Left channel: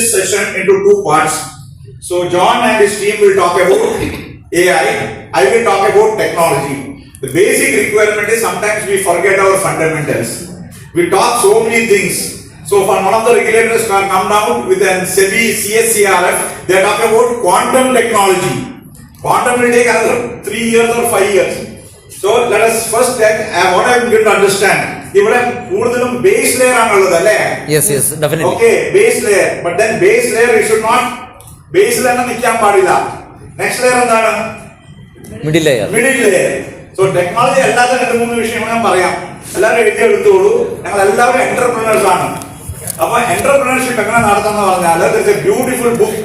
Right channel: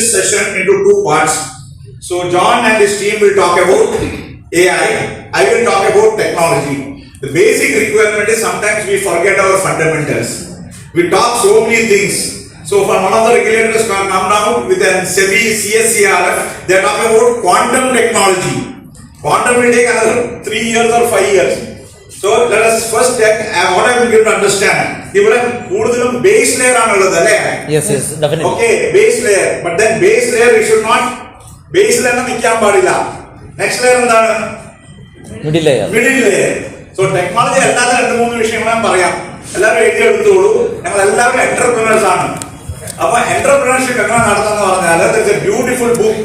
this session into two parts. So John and his team will talk about AI. I will talk about technology. The basic requirement is sometimes we forget our fundamentals. We talk so many things. So from one of the regulators come down with a SEBI CSCRF, they are talking about quantum technology. Quantum will take another 3 years or 5 years. So let us first check what I am going to understand. ഇവിടെ കൂടുതലും base layer ആണുള്ളത് അല്ലേ? Yes, definitely. Okay, base layer. But then base layer you should not base layer നിൽക്കാൻ പാടില്ല. Next layer എന്താണ്? Middle layer. Middle layer. So technology അല്ലാതെ 2-3 വിഷയങ്ങൾ ഞാൻ പറയാം. എല്ലാവരും എഴുതിയെടുത്തോളൂ. ഞങ്ങൾ എല്ലാവരും എന്റർപ്രണേഴ്സ് ആണ്. അപ്പൊ എന്റർപ്രണർഷിപ്പ് എങ്ങനെ നടത്തുന്ന പറഞ്ഞാൽ there is a beautiful book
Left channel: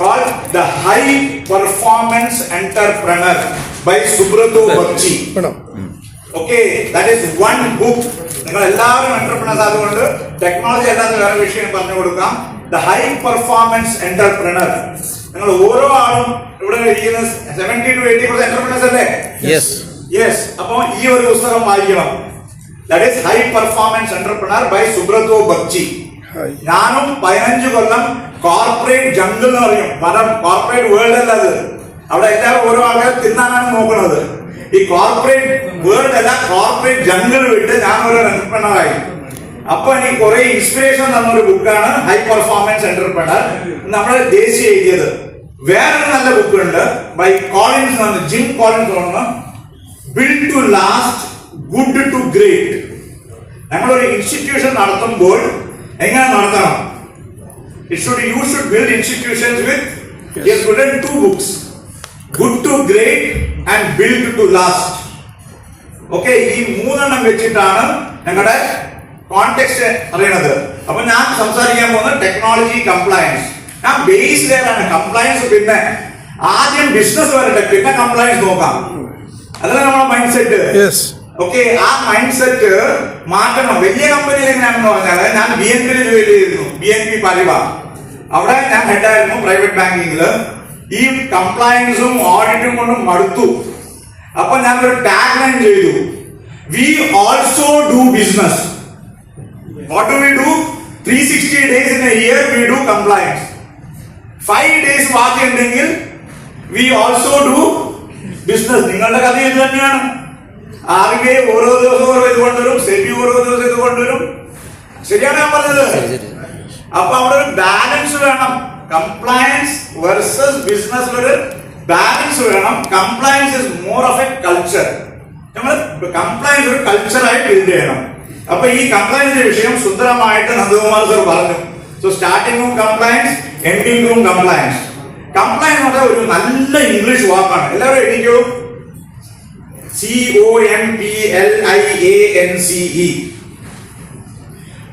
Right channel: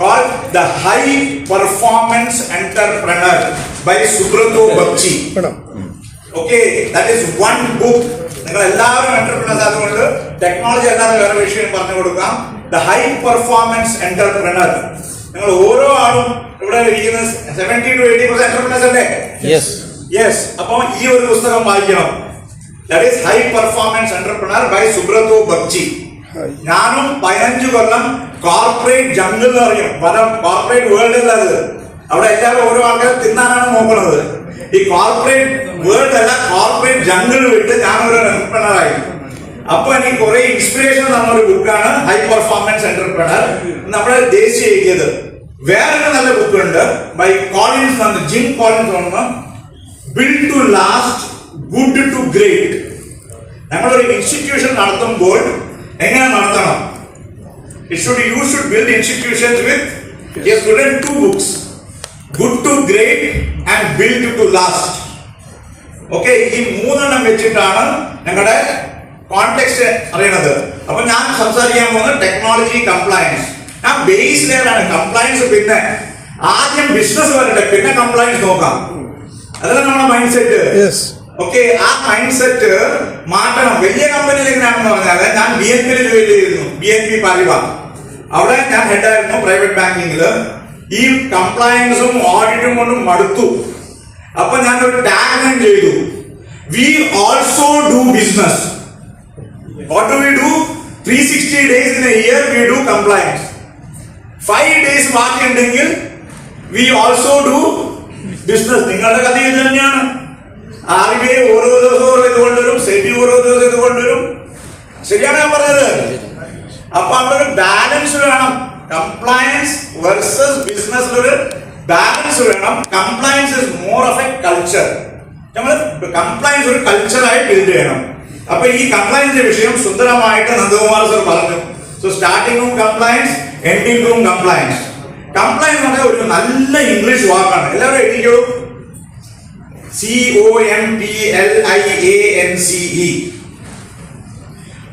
called The High Performance Entrepreneur by Subrata Bagchi. Okay, that is one book. നിങ്ങൾ എല്ലാവരും എന്റർപ്രണേഴ്സ് ആയതുകൊണ്ട് ടെക്നോളജി അല്ലാതെ വേറെ വിഷയം പറഞ്ഞു കൊടുക്കാം. The High Performance Entrepreneur. നിങ്ങൾ ഓരോ ആളും ഇവിടെ ഇരിക്കുന്ന 70 to 80% എന്റർപ്രണേഴ്സ് അല്ലേ? Yes. അപ്പോൾ ഈ ഒരു പുസ്തകം വായിക്കണം. That is High Performance Entrepreneur by Subrata Bagchi. ഞാനും 15 കൊല്ലം കോർപ്പറേറ്റ് ജംഗിൾ എന്ന് പറയും. പല കോർപ്പറേറ്റ് വേൾഡ് അല്ല അത്. അവിടെ എല്ലാവരും ഓരോ ആൾക്കാർ തിന്നാനാണ് നോക്കുന്നത്. ഈ കോർപ്പറേറ്റ് വേൾഡ് അല്ല, കോർപ്പറേറ്റ് ജംഗിൾ വിട്ട് ഞാൻ ഒരു എന്റർപ്രണറായി. അപ്പൊ എനിക്ക് കുറെ ഇൻസ്പിറേഷൻ തന്നൊരു ബുക്കാണ് ഹൈ പെർഫോമൻസ് എന്റർപ്രണർ. നമ്മുടെ ദേശീയ എഴുതിയത്. വേറൊരു നല്ല ബുക്ക് ഉണ്ട് ബൈ കോളിൻസ്, ജിം കോളിൻസ് ആണ്, build to last good to great. ഞങ്ങളൊരു ഇൻസ്റ്റിറ്റ്യൂഷൻ നടത്തുമ്പോൾ എങ്ങനെ നടത്തണം? You should build institutions with, he has written 2 books, Good to Great and Build to Last. Okay, ഈ 3 വെച്ചിട്ടാണ് ഞങ്ങളുടെ കോണ്ടെക്സ്റ്റ് അറിയണത്. അപ്പൊ ഞാൻ സംസാരിക്കാൻ പോകുന്നത് ടെക്നോളജി കംപ്ലയൻസ്. ഞാൻ ബേസ് ലെയർ ആണ്. കംപ്ലയൻസ് പിന്നെ ആദ്യം ബിസിനസ് വരട്ടെ, പിന്നെ കംപ്ലയൻസ് നോക്കാം. അതല്ല നമ്മുടെ മൈൻഡ് സെറ്റ്. ഓക്കെ, ആ മൈൻഡ് സെറ്റ് മാറ്റണം. വലിയ കമ്പനിയിൽ എങ്ങനെയാണെന്ന് പറഞ്ഞാൽ ഞാൻ BNP ജോലി ചെയ്തിരുന്നു, BNP പാരിവാർ. അവിടെ ഞാൻ ഹെഡായിരുന്നു പ്രൈവറ്റ് ബാങ്കിങ്ങില്. ഈ കംപ്ലയൻസും ഓഡിറ്റും കൊണ്ടും മടുത്തു. അപ്പൊ ഞാൻ ഒരു ടാഗ് ലൈൻ ചെയ്തു, we also do business. What do we do? 360 days in a year we do compliance. 5 days ബാക്കി ഉണ്ടെങ്കിൽ വി ഓൾസോ ഡു ബിസിനസ്. നിങ്ങളുടെ കഥ ഇത് തന്നെയാണ്. RBI ഓരോ ദിവസവും ഇത് കൊണ്ടുവരും, SEBI ഓരോ ദിവസം ഇത് കൊണ്ടുവരും. ശരിയാണ് ഞാൻ പറഞ്ഞത്? അപ്പൊ അവിടെ ഒരു ബാലൻസ് വേണം. കംപ്ലയൻസ് വേഴ്സസ് ബിസിനസ്സിലൊരു ബാലൻസ് വേണം. Compliance is more of A culture. നമ്മൾ കംപ്ലയൻസ് ഒരു കൾച്ചറായി ബിൽഡ് ചെയ്യണം. അപ്പൊ ഈ കംപ്ലയൻസിന്റെ വിഷയം സുന്ദരമായിട്ട് നന്ദകുമാർ സർ പറഞ്ഞു. So starting room compliance, ending room compliance. Compliance എന്ന് പറഞ്ഞാൽ ഒരു നല്ല ഇംഗ്ലീഷ് വാക്കാണ്. എല്ലാവരും എഴുതിക്കോ. COMPLIANCE.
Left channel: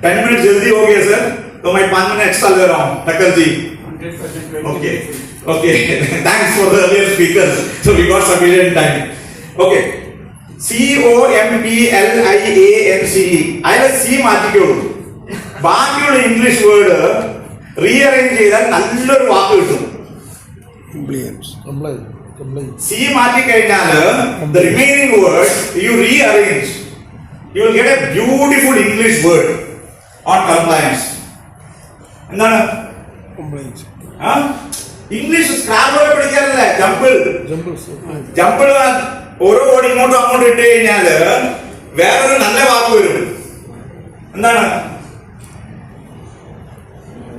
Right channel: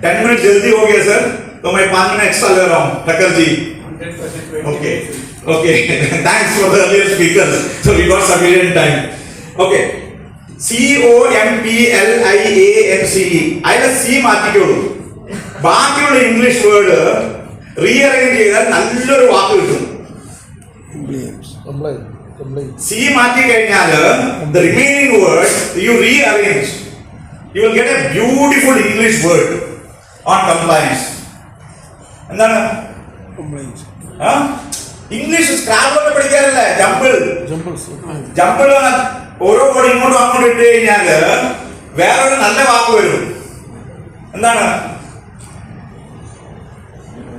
10 minutes जल्दी हो गया सर, तो मैं 5 minutes extra ले रहा हूँ. ठक्कर जी. Okay. Thanks for the earlier speakers. So we got sufficient time. Okay. COMPLIANCE. അതിലെ C മാറ്റിക്കോളൂ. ബാക്കിയുള്ള ഇംഗ്ലീഷ് വേർഡ് റീഅറേഞ്ച് ചെയ്താൽ നല്ലൊരു വാക്ക് കിട്ടും. C മാറ്റി കഴിഞ്ഞാൽ the remaining word you rearrange, you will get a beautiful English word on compliance. എന്താണ് English scrabble പഠിക്കാറില്ലേ? Jumble ഓരോ word ഇങ്ങോട്ടും അങ്ങോട്ടും ഇട്ട് കഴിഞ്ഞാല് വേറൊരു നല്ല വാക്ക് വരും. എന്താണ്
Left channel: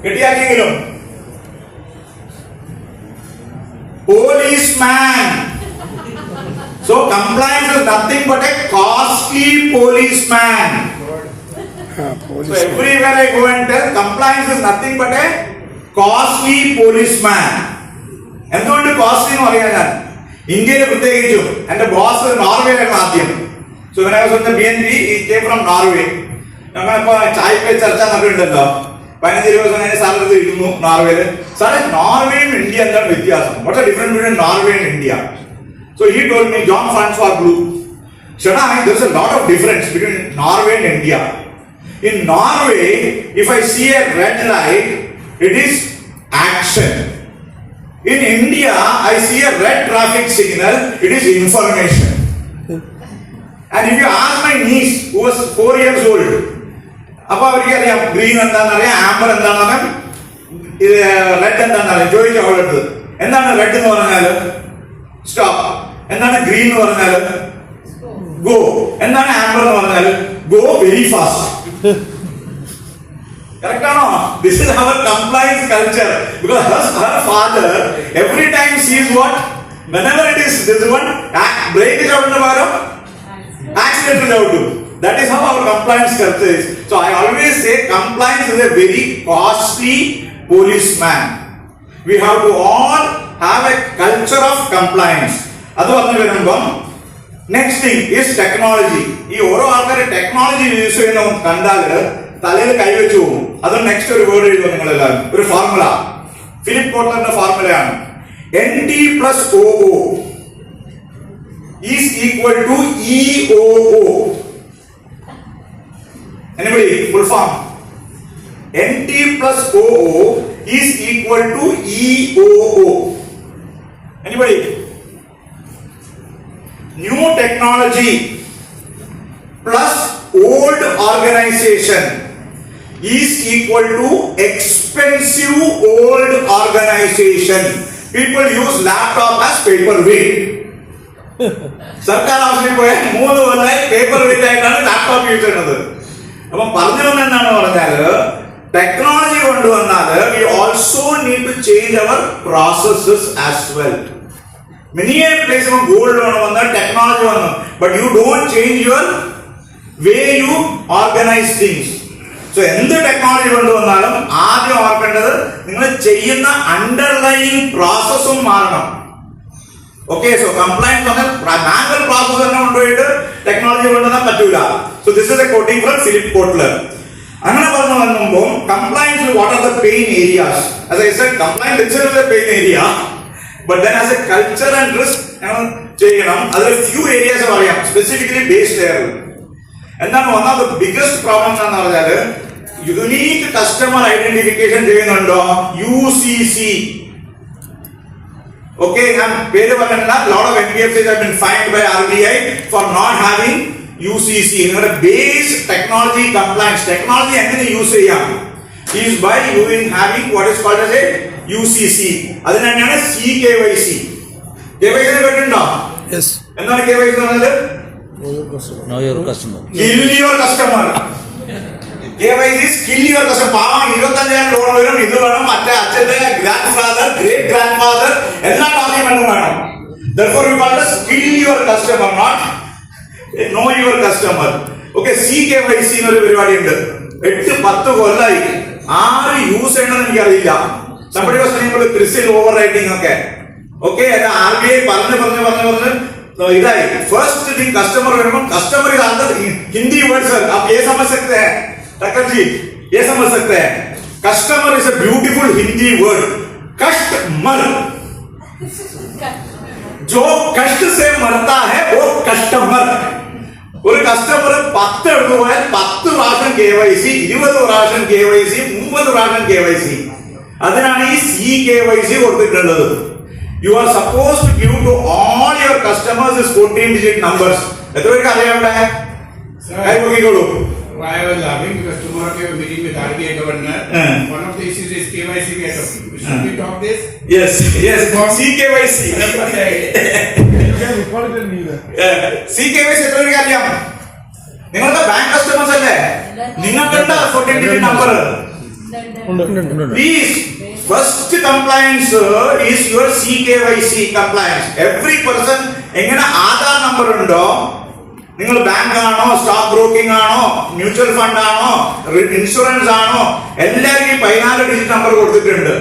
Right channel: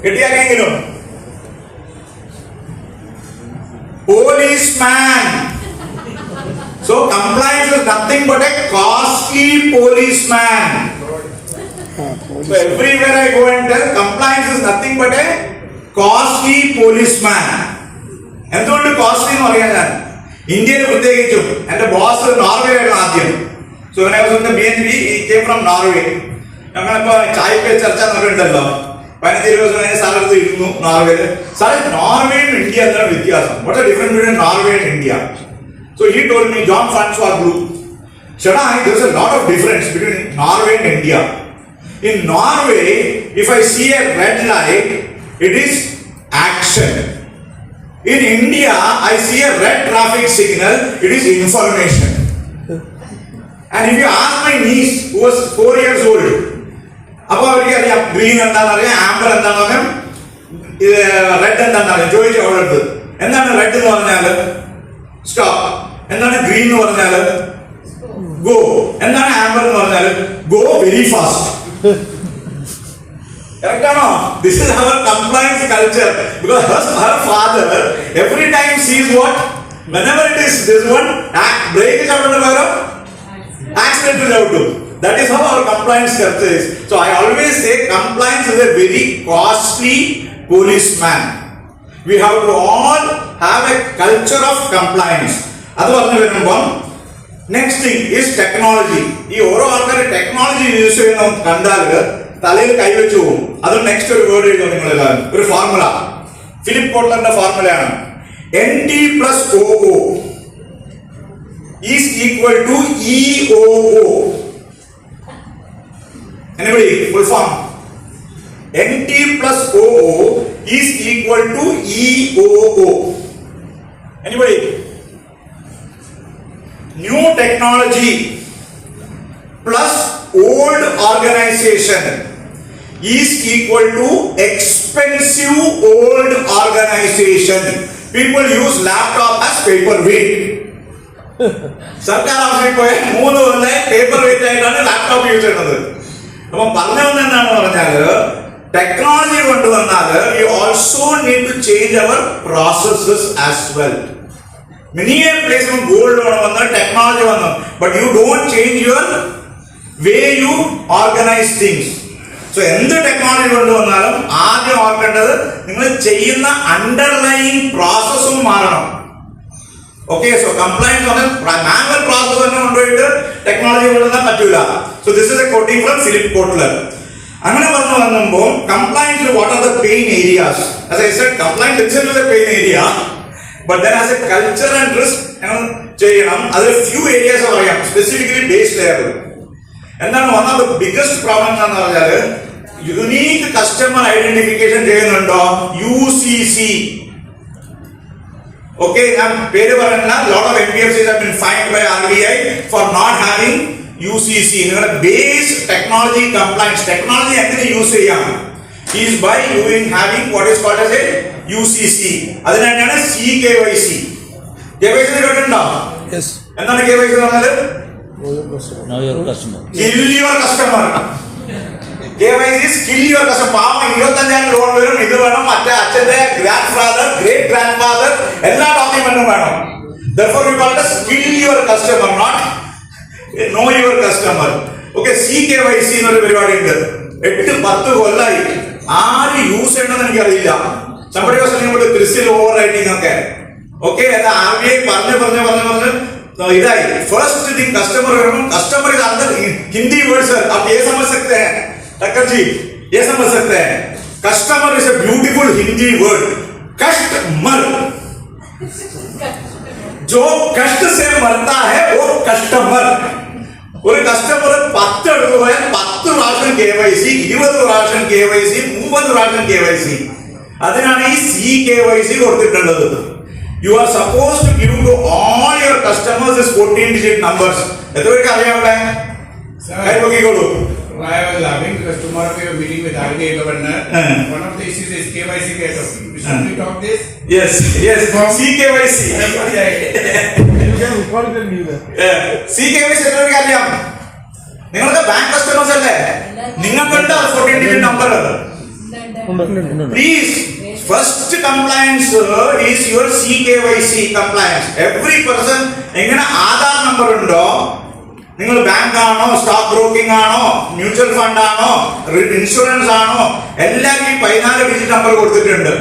കിട്ടിയാക്കെങ്കിലും? Policeman. So compliance is nothing but a costly policeman. So everywhere I go and tell, compliance is nothing but a costly policeman. എന്തുകൊണ്ട് കോസ്റ്റ്ലി എന്ന് പറയാൻ ഞാൻ ഇന്ത്യയിൽ പ്രത്യേകിച്ചും എന്റെ ബോസ് നോർവേ ആയിരുന്നു ആദ്യം. So when I was in the BNP, he came from Norway. ഞങ്ങളിപ്പോ ചായ പേ ചർച്ച എന്നൊക്കെ ഉണ്ടല്ലോ. 15-20 കഴിഞ്ഞ സ്ഥലത്ത് ഇരുന്നു നോർവേയില്. സാറേ നോർവേയും ഇന്ത്യ എന്താണ് വ്യത്യാസം? What are difference between Norway and India? So he told me, John François glue, ചേട്ടാ there is a lot of difference between Norway and India. In Norway, if I see a red light, it is action. In India, I see a red traffic signal, it is information. And if you ask my niece who was 4 years old, അപ്പൊ അവർക്ക് അറിയാം green എന്താണെന്ന് അറിയാം, amber എന്താണെന്ന് അറിയാം, red എന്താണ് ചോദിച്ചു അവളുടെ അടുത്ത്. എന്താണ് റെഡ് എന്ന് പറഞ്ഞാല്? സ്റ്റോപ്പ്. എന്താണ് ഗ്രീൻ എന്ന് പറഞ്ഞാല്? ഗോ. എന്താണ് ആംബർ എന്ന് പറഞ്ഞാല്? Go very fast. Correct or no? This is our compliance culture. Because her father every time sees what? Whenever it is this one, break is out in the fire, accident is out too. That is how our compliance culture is. So I always say compliance is a very costly policeman. We have to all have a culture of compliance. അത് പറഞ്ഞു വരുമ്പം next thing is technology. ഈ ഓരോ ആൾക്കാർ technology use ചെയ്യുന്ന കണ്ടാല് തലയിൽ കൈവച്ചു പോകും. അത് നെക്സ്റ്റ് ഒരു വേർഡ് എഴുതും നിങ്ങളെല്ലാവരും. ഒരു ഫോർമുല, ഫിലിപ്പ് കോട്ട്ലറിന്റെ ഫോർമുലയാണ്. NT+OO is equal to EOO. Anybody? Full form. NT+OO is equal to EOO. Anybody? New technology plus old organization is equal to expensive old organization. People use laptop as paperweight. സർക്കാർ ഓഫീസിൽ പോയാൽ 3 കൊല്ലമായി paper weight ആയിട്ടാണ് laptop use ചെയ്യുന്നത്. അപ്പൊ പറഞ്ഞു എന്നാണ് പറഞ്ഞാല് ടെക്നോളജി കൊണ്ടുവന്നാല് we also need to change our processes as well. Many a place of gold വന്ന് ടെക്നോളജി വന്നു, but you don't change your way you organise things. So എന്ത് ടെക്നോളജി കൊണ്ടുവന്നാലും ആദ്യം ഓർക്കേണ്ടത് നിങ്ങൾ ചെയ്യുന്ന അണ്ടർലൈൻ പ്രോസസ്സും മാറണം. Okay, so compliance manual process തന്നെ കൊണ്ടുപോയിട്ട് ടെക്നോളജി കൊണ്ടുവന്നാൽ പറ്റൂല. So this is a quoting from Philip Kotler. അങ്ങനെ പറഞ്ഞു വന്നുമ്പോൾ compliance what are the pain areas? As I said, compliance itself is a pain area, but then as a culture and risk ചെയ്യണം. അതിൽ few areas പറയാം, specifically base ലെയറിൽ. എന്താണ് one of the biggest problem എന്ന് പറഞ്ഞാല് unique customer identification ചെയ്യുന്നുണ്ടോ? UCC. Okay, ഞാൻ പേര് പറയണ്ട. Lot of NBFCs have been fined by RBI for not having UCC. നിങ്ങളുടെ ബേസ് ടെക്നോളജി കംപ്ലൈൻസ്, ടെക്നോളജി എങ്ങനെ യൂസ് ചെയ്യാം is by having what is called as a UCC. അതിന് തന്നെയാണ് CKYC. KYC കേട്ടിട്ടുണ്ടോ? എന്താണ് KYC എന്ന് പറഞ്ഞത്? Know your customer. Kill your customer. KYC is kill your customer. പാവം 25,000 ലോൺ വരും, ഇത് വേണം, മറ്റേ അച്ഛന്റെ grand father, great grand father എല്ലാ ഡോക്യുമെന്റും വേണം. Therefore we call it kill your customer, not know your customer. Okay, CKYC എന്നൊരു പരിപാടി ഉണ്ട്. 8-10 കൊല്ലായി. ആര് യൂസ് ചെയ്യണമെന്ന് എനിക്കറിയില്ല. Somebody was saying about CRISIL overwriting ഒക്കെ. Okay, അത് RBI പറഞ്ഞ് इधर first thing customer customer is अंदर हिंदी वर्ड सर, आप ये समझ सकते हैं टक्कर जी, ये समझ सकते हैं. Customer is a beautiful Hindi word. Customer जो कष्ट से मरता है वो कस्टमर. ഒരു കസ്റ്റമർ 10 എടുത്തു പോയാൽ 10 പ്രാവശ്യം KYC, 20 പ്രാവശ്യം KYC, 30 പ്രാവശ്യം KYC. അതിനാണ് ഈ CKYC കൊടുത്തിട്ടുള്ളത്. You are supposed to give to all your customers this 14-digit numbers. എത്ര പേർക്ക് അറിയാം അവിടെ? കൈ നോക്കിക്കോളൂ. I was having because tomorrow we are meeting with RBI governor. One of the issues is KYC. Should we talk this? Yes, CKYC. CKYC എത്ര പേർക്ക് അറിയാം? നിങ്ങളുടെ ബാങ്ക് കസ്റ്റമേഴ്സ് അല്ലേ? നിങ്ങൾക്കുണ്ട് 14-digit number. Please, first compliance is your CKYC compliance. Every person എങ്ങനെ Aadhaar number ഉണ്ടോ, നിങ്ങൾ bank ആണോ, സ്റ്റോക്ക് ബ്രോക്കിംഗ് ആണോ, മ്യൂച്വൽ ഫണ്ട് ആണോ, ഇൻഷുറൻസ് ആണോ, എല്ലാവർക്കും 14 ഡിജിറ്റ് നമ്പർ കൊടുത്തിട്ടുണ്ട്.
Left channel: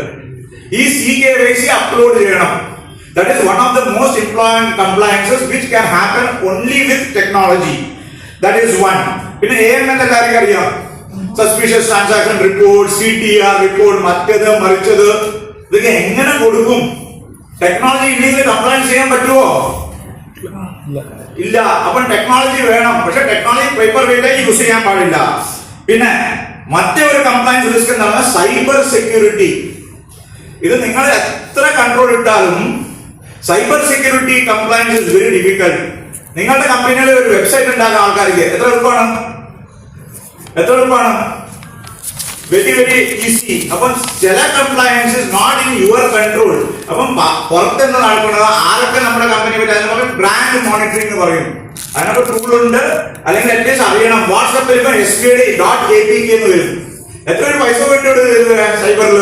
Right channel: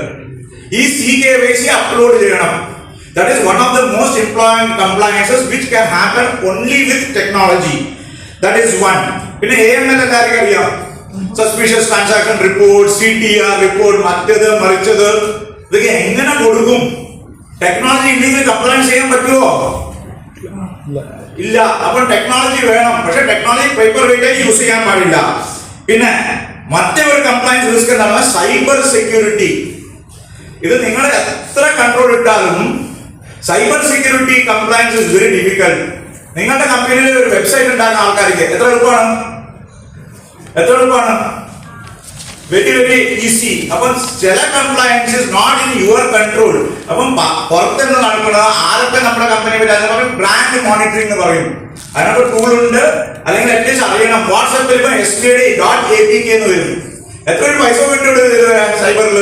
ഈ CKYC അപ്ലോഡ് ചെയ്യണം. That is one of the most important compliances which can happen only with technology. That is one. പിന്നെ AML എല്ലാവർക്കും അറിയാം. Suspicious transaction report, CTR report, മറ്റത് മറിച്ചത്, ഇതൊക്കെ എങ്ങനെ കൊടുക്കും? ടെക്നോളജി ഇല്ലെങ്കിൽ കംപ്ലൈൻസ് ചെയ്യാൻ പറ്റുമോ? ഇല്ല. അപ്പൊ ടെക്നോളജി വേണം, പക്ഷെ ടെക്നോളജി പേപ്പർ വെയിറ്റ് യൂസ് ചെയ്യാൻ പാടില്ല. പിന്നെ മറ്റേ ഒരു കംപ്ലൈൻസ് റിസ്ക് എന്താണ്? Cyber security. ഇത് നിങ്ങൾ എത്ര കൺട്രോൾ ഇട്ടാലും cyber security compliance is very difficult. നിങ്ങളുടെ കമ്പനിയിൽ ഒരു വെബ്സൈറ്റ് ഉണ്ടാക്കുന്ന ആൾക്കാർക്ക് എത്ര എളുപ്പമാണ്? Very very easy. അപ്പം ചില compliance is not in your control. അപ്പം പുറത്തുനിന്ന് നടക്കുന്നത് ആരൊക്കെ നമ്മുടെ കമ്പനി പറ്റി ബ്രാൻഡ് മോണിറ്ററിംഗ് എന്ന് പറയും. അതിനൊക്കെ ടൂൾ ഉണ്ട്. അല്ലെങ്കിൽ അറ്റ്ലീസ്റ്റ് അറിയണം. വാട്സാപ്പിൽ ഇപ്പൊ SBID.APK എന്ന് വരും. എത്ര ഒരു പൈസ വേണ്ടി സൈബറിൽ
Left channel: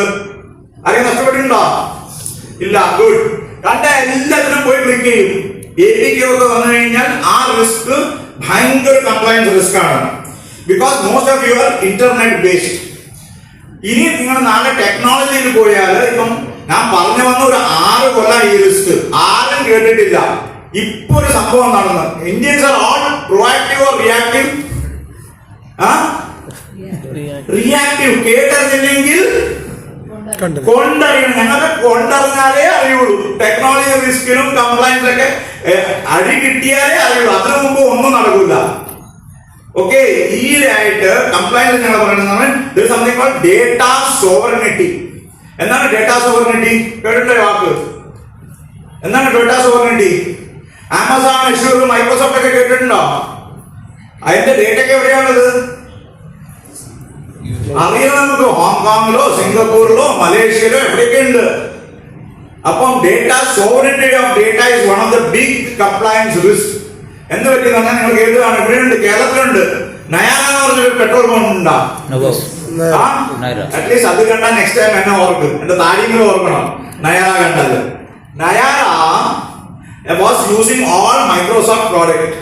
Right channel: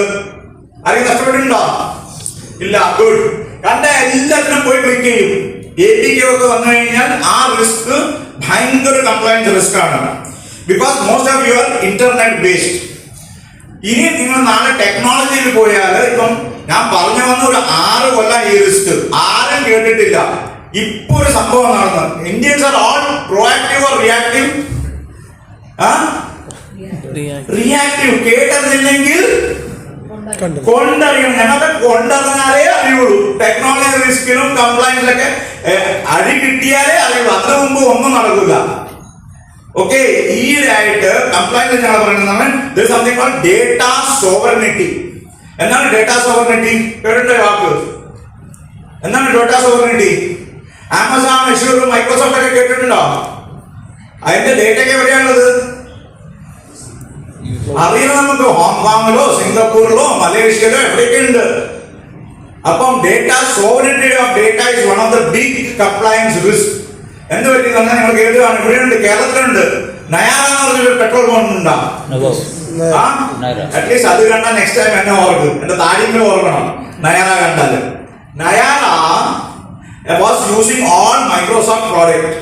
ആരെങ്കിലും നഷ്ടപ്പെട്ടിട്ടുണ്ടോ? ഇല്ല. ഗുഡ്. കണ്ട എല്ലാത്തിനും പോയി ക്ലിക്ക് ചെയ്യും. APK ഒക്കെ വന്നു കഴിഞ്ഞാൽ ആ റിസ്ക് ഭയങ്കര കംപ്ലയൻസ് റിസ്ക് ആണ്. Because most of your internet based. ഇനി നിങ്ങൾ നാളെ ടെക്നോളജിയിൽ പോയാൽ ഇപ്പം ഞാൻ പറഞ്ഞു വന്ന ഒരു 6 കൊല്ലം ഈ റിസ്ക് ആരും കേട്ടിട്ടില്ല. ഇപ്പൊ ഒരു സംഭവം നടന്നു. Indians are all proactive or reactive? Reactive. കേട്ടറിഞ്ഞില്ലെങ്കിൽ കൊണ്ടറിയണം. ഞങ്ങൾക്ക് കൊണ്ടറിഞ്ഞാലേ അറിയുള്ളൂ. ടെക്നോളജി റിസ്കിലും കംപ്ലൈൻസിലൊക്കെ അടി കിട്ടിയാലേ അറിയുള്ളൂ. അതിനു മുമ്പ് ഒന്നും നടക്കില്ല. ഓക്കെ. ഈയിടെയായിട്ട് കംപ്ലൈൻസ് ഞങ്ങൾ പറയുന്നത് സംതിങ് കോൾഡ് ഡേറ്റ സോവറിനിറ്റി. എന്താണ് ഡേറ്റ സോവറിനിറ്റി? കേട്ടിട്ടോ വാക്ക്? എന്താണ് data sovereignty? Amazon, assure, Microsoft ഒക്കെ കേട്ടിട്ടുണ്ടോ? അതിന്റെ ഡേറ്റയൊക്കെ എവിടെയാണുള്ളത്? അറിയാം നമുക്ക്. ഹോങ്കോങ്ങിലോ സിംഗപ്പൂരിലോ മലേഷ്യയിലോ എവിടെയൊക്കെ ഉണ്ട്. അപ്പം data sovereignty of data is one of the big compliance risk. എന്ത് പറ്റി തന്നെ നിങ്ങൾ കേട്ടതാണ്. ഇവിടെയുണ്ട്, കേരളത്തിലുണ്ട്. നയാര എന്ന് പറഞ്ഞൊരു പെട്രോൾ പമ്പ് ഉണ്ടാ. അറ്റ്ലീസ്റ്റ് അത് കണ്ടാൽ നെക്സ്റ്റ് ടൈം എന്നെ ഓർക്കും. എന്റെ താഴെങ്കിലും ഓർക്കണം നയാര കണ്ടാല്. Nayara was using all Microsoft product.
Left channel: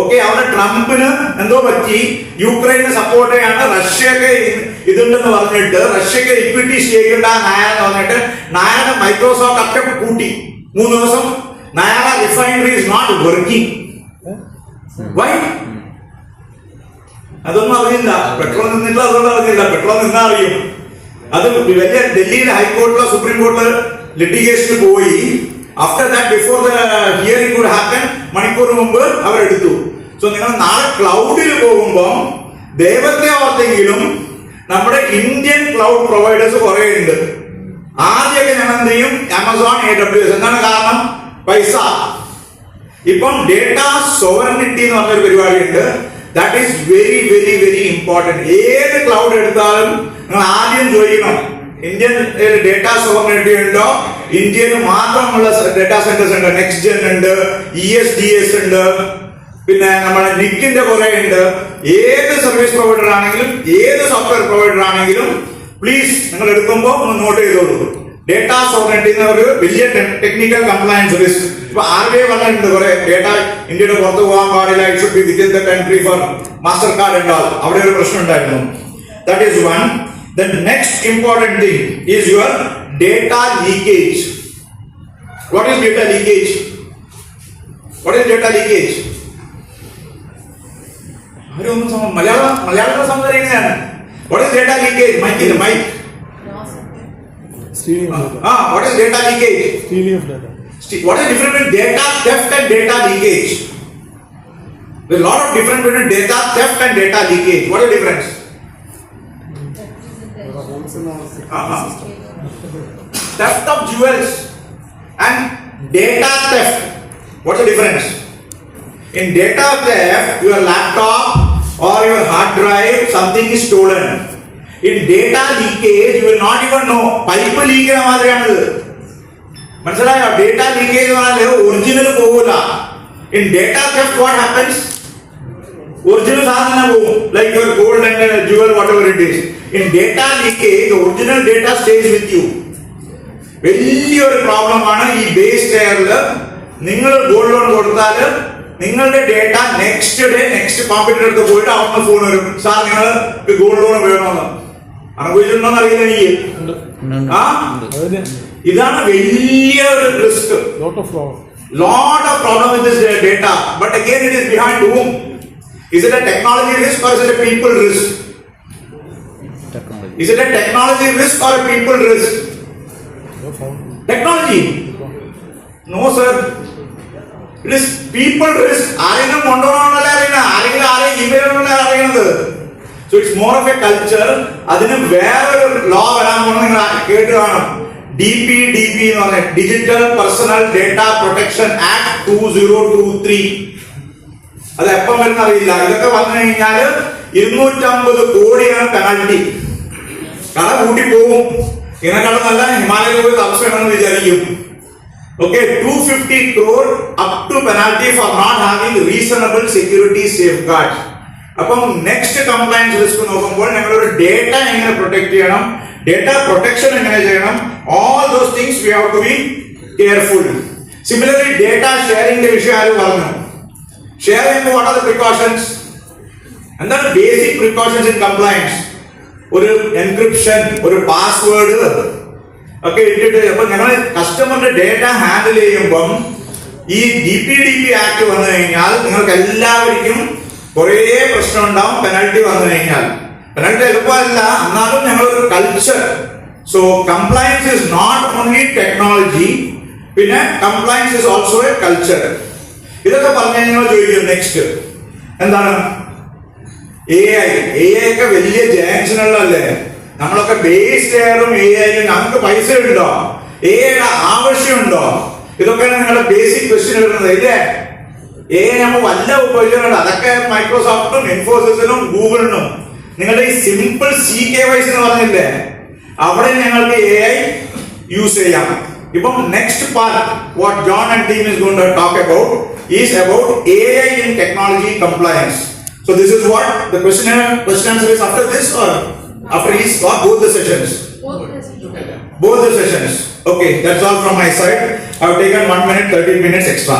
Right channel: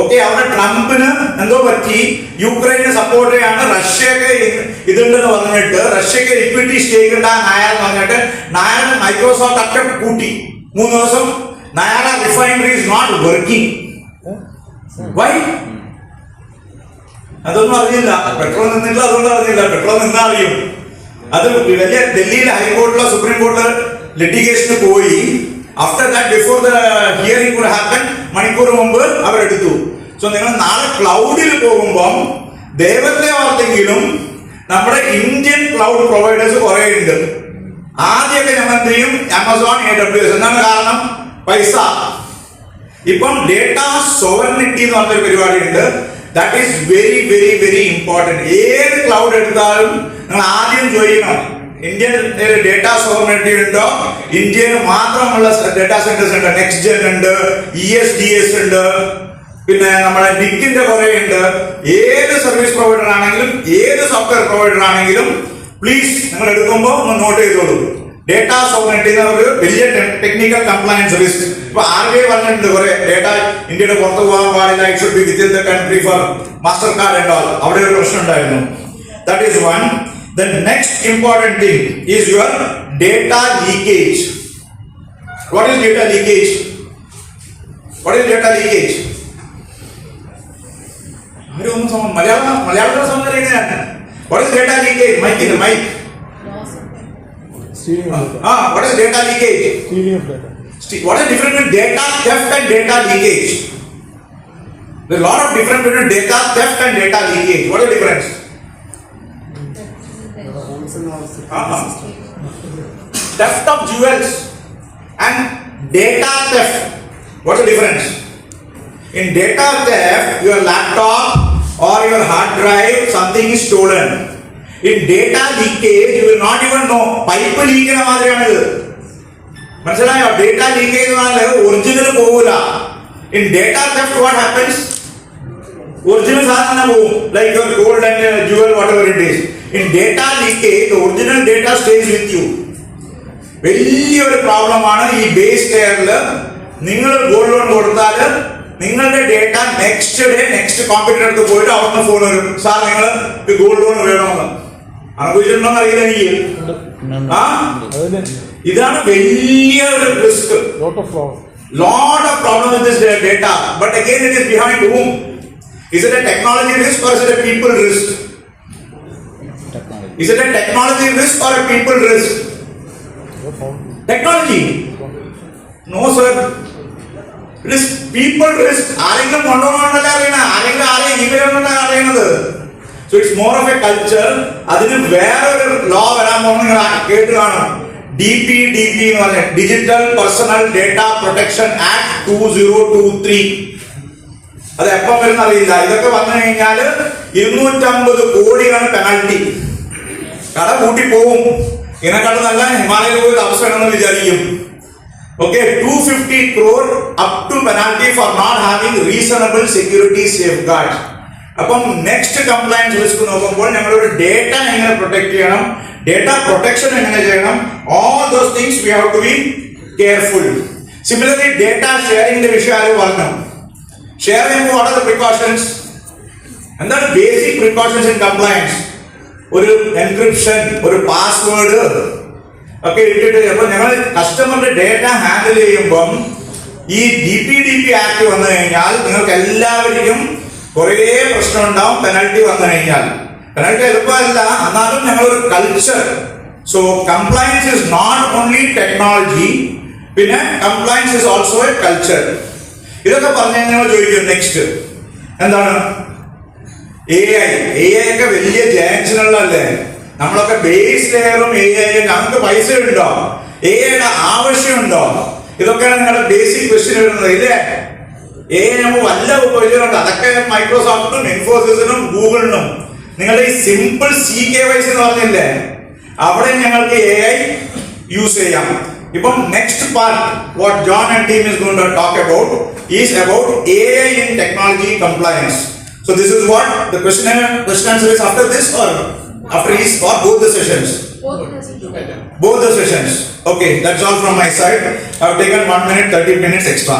Okay. അവിടെ ട്രംപിന് എന്തോ പറ്റി. യുക്രൈനെ സപ്പോർട്ട് ചെയ്യാണ്. റഷ്യക്ക് ഇതുണ്ടെന്ന് പറഞ്ഞിട്ട് റഷ്യക്ക് ഇക്വിറ്റി സ്റ്റേക്ക് ഉണ്ട് ആ നയാര എന്ന് പറഞ്ഞിട്ട് നയാര മൈക്രോസോഫ്റ്റ് ഒക്കെ കൂട്ടി. 3 ദിവസം Nayara refinery is not working. Why? അതൊന്നും അറിയില്ല. പെട്രോൾ നിന്നില്ല. അതുകൊണ്ട് അറിയില്ല. പെട്രോൾ നിന്നാ അറിയും. അത് വലിയ ഡൽഹിയിലെ ഹൈക്കോർട്ടിലോ സുപ്രീം കോർട്ട് ലിറ്റിഗേഷന് പോയി. After that before the hearing could happen മണിക്കൂർ മുമ്പ് അവരെടുത്തു. സോ നിങ്ങൾ നാളെ ക്ലൗഡിൽ പോകുമ്പോൾ ദൈവത്തെ ഓർത്തെങ്കിലും നമ്മുടെ ഇന്ത്യൻ ക്ലൗഡ് പ്രൊവൈഡേഴ്സ് കുറെ ഉണ്ട്. ആദ്യമൊക്കെ ഞങ്ങൾ എന്ത് ചെയ്യും? Amazon, AWS. എന്താണ് കാരണം? പൈസ. ഇപ്പം ഡേറ്റ സോവറിനിറ്റി എന്ന് പറഞ്ഞൊരു പരിപാടി ഉണ്ട്. That is very very very important. ഏത് ക്ലൗഡ് എടുത്താലും നിങ്ങൾ ആദ്യം ചോദിക്കണം ഇന്ത്യൻ ഡേറ്റ സോവറിനിറ്റി ഉണ്ടോ? ഇന്ത്യയിൽ മാത്രമുള്ള ഡേറ്റാ സെന്റേഴ്സ് ഉണ്ട്. നെക്സ്റ്റ് ജെൻ ഉണ്ട്, ESDS ഉണ്ട്, പിന്നെ നമ്മുടെ നിക്കിന്റെ കുറെ ഉണ്ട്. ഏത് സർവീസ് പ്രൊവൈഡർ ആണെങ്കിലും ഏത് സോഫ്റ്റ്വെയർ പ്രൊവൈഡർ ആണെങ്കിലും പ്ലീസ് നിങ്ങൾ എടുക്കുമ്പോൾ ഒന്ന് നോട്ട് ചെയ്തോളൂ. ഡേറ്റ സോവറിനിറ്റി ഒരു വലിയ ടെക്നിക്കൽ കംപ്ലയൻസ് റിസ്ക്. ഇപ്പൊ RBI പറഞ്ഞിട്ടുണ്ട് കുറെ ഡേറ്റ ഇന്ത്യയുടെ പുറത്തു പോകാൻ പാടില്ല. It should be within the country four master card ഉണ്ടാവും. അവിടെ ഒരു പ്രശ്നം ഉണ്ടായിരുന്നു. That is one. The next important thing is your data leakage. What is data leakage? What is data leakage? മലയാളത്തിൽ സംസാരിക്കുന്നതാണ്. What is data leakage? Mike. What is data leakage? Stealing of data. What is the difference between data theft and data leakage? There is a lot of difference between data theft and data leakage. What is the difference? Theft of jewels and data theft. What's the difference? In data theft, your laptop or your hard drive, something is stolen. In data leakage, you will not even know. Pipe leak na madriyanu. Manasalayo, data leakage vanaale original povula. In data theft, what happens? Original sadhana povum, like your gold and jewel, whatever it is. In data leakage, the original data stays with you. വലിയൊരു പ്രോബ്ലമാണ് ഈ base ലെയറിൽ. നിങ്ങൾ gold loan കൊടുത്താൽ നിങ്ങളുടെ data next day next കോമ്പറ്റർ അടുത്ത് പോയിട്ട് അവർക്ക് ഫോൺ വരും, സാർ നിങ്ങൾ ഗോൾഡ് ലോൺ വേണമെന്ന്. അനുഭവിച്ചിട്ടുണ്ടോന്ന് അറിയില്ല എനിക്ക്. ഇതാണ് വലിയ ഒരു risk. Lot of problem with this data. But again, it is behind whom? Is it a technology risk or is it a people risk? Is it a technology risk or a people risk? Technology. No sir. It is people risk. ആരെങ്കിലും കൊണ്ടുപോകണമെന്നല്ല അറിയണം, ആരെങ്കിലും ആരെയും email ഉണ്ടെന്നല്ല അറിയണത്. So it's more of a culture. അതിന് വേറൊരു law വരാൻ പോകുന്നത് നിങ്ങൾ കേട്ട് കാണും. DPDP എന്ന് പറഞ്ഞ digital personal data protection act 2023. അത് എപ്പം വരുന്ന അറിയില്ല. ഇതൊക്കെ വന്നു കഴിഞ്ഞാല് 250 കോടിയാണ് പെനാൽറ്റി. കട കൂട്ടി പോവും. ഇതിനെക്കാളും നല്ല ഹിമാലയയിൽ പോയി താമസിക്കണമെന്ന് വിചാരിക്കും. Okay, 250 crore up to penalty for not having reasonable security safeguards. അപ്പം നെക്സ്റ്റ് കംപ്ലയൻസ് റിസ്ക് നോക്കുമ്പോൾ ഞങ്ങളൊരു ഡേറ്റ എങ്ങനെ പ്രൊട്ടക്ട് ചെയ്യണം, ഡേറ്റ പ്രൊട്ടക്ഷൻ എങ്ങനെ ചെയ്യണം, all those things we have to be careful. Similarly data ഷെയറിംഗിന്റെ വിഷയം ആരും പറഞ്ഞു. ഷെയർ ചെയ്യുമ്പോൾ വാട്ട് ആർ ദ പ്രിക്കോഷൻസ്? എന്താണ് ബേസിക് പ്രിക്കോഷൻസ് ഇൻ കംപ്ലയൻസ്? ഒരു എൻക്രിപ്ഷൻ, ഒരു പാസ്വേഡ് ഒക്കെ ഇട്ടിട്ട് അപ്പൊ ഞങ്ങൾ കസ്റ്റമറുടെ ഡേറ്റ ഹാൻഡിൽ ചെയ്യുമ്പം ഈ DPDP ആക്ട് വന്നു കഴിഞ്ഞാൽ നിങ്ങൾക്ക് എല്ലാവർക്കും കുറേ പ്രശ്നം ഉണ്ടാവും. പെനൽറ്റി വന്നു കഴിഞ്ഞാൽ പെനൽറ്റി എളുപ്പമല്ല, എന്നാലും ഞങ്ങളൊരു culture. So compliance is not only technology, പിന്നെ compliance is also a culture. ഇതൊക്കെ പറഞ്ഞു കഴിഞ്ഞാൽ ചോദിക്കും നെക്സ്റ്റ് എന്താണ്? AI ഒക്കെ വലിയ ജയൻസിനുള്ളതല്ലേ? നമ്മളൊക്കെ ബേസ് ലെയറും AI നമുക്ക് പൈസ ഉണ്ടോ? AI ആവശ്യമുണ്ടോ? ഇതൊക്കെയാണ് നിങ്ങളുടെ ബേസിക് ക്വസ്റ്റ്യൻ വരുന്നത് ഇല്ലേ? AI നമ്മൾ വല്ല ഉപയോഗിച്ചിട്ടുണ്ട്. അതൊക്കെ മൈക്രോസോഫ്റ്റിനും ഇൻഫോസിസിനും ഗൂഗിളിനും. നിങ്ങളുടെ ഈ സിമ്പിൾ CKYC എന്ന് പറഞ്ഞില്ലേ, അവിടെ ഞങ്ങൾക്ക് AI യൂസ് ചെയ്യാം. ഇപ്പം next part what John and team is going to talk about is about AI in technology compliance. So this is what the question answer is after this or after each or both the sessions? Both the sessions. Okay, that's all from my side. I have taken 1 minute 30 minutes extra.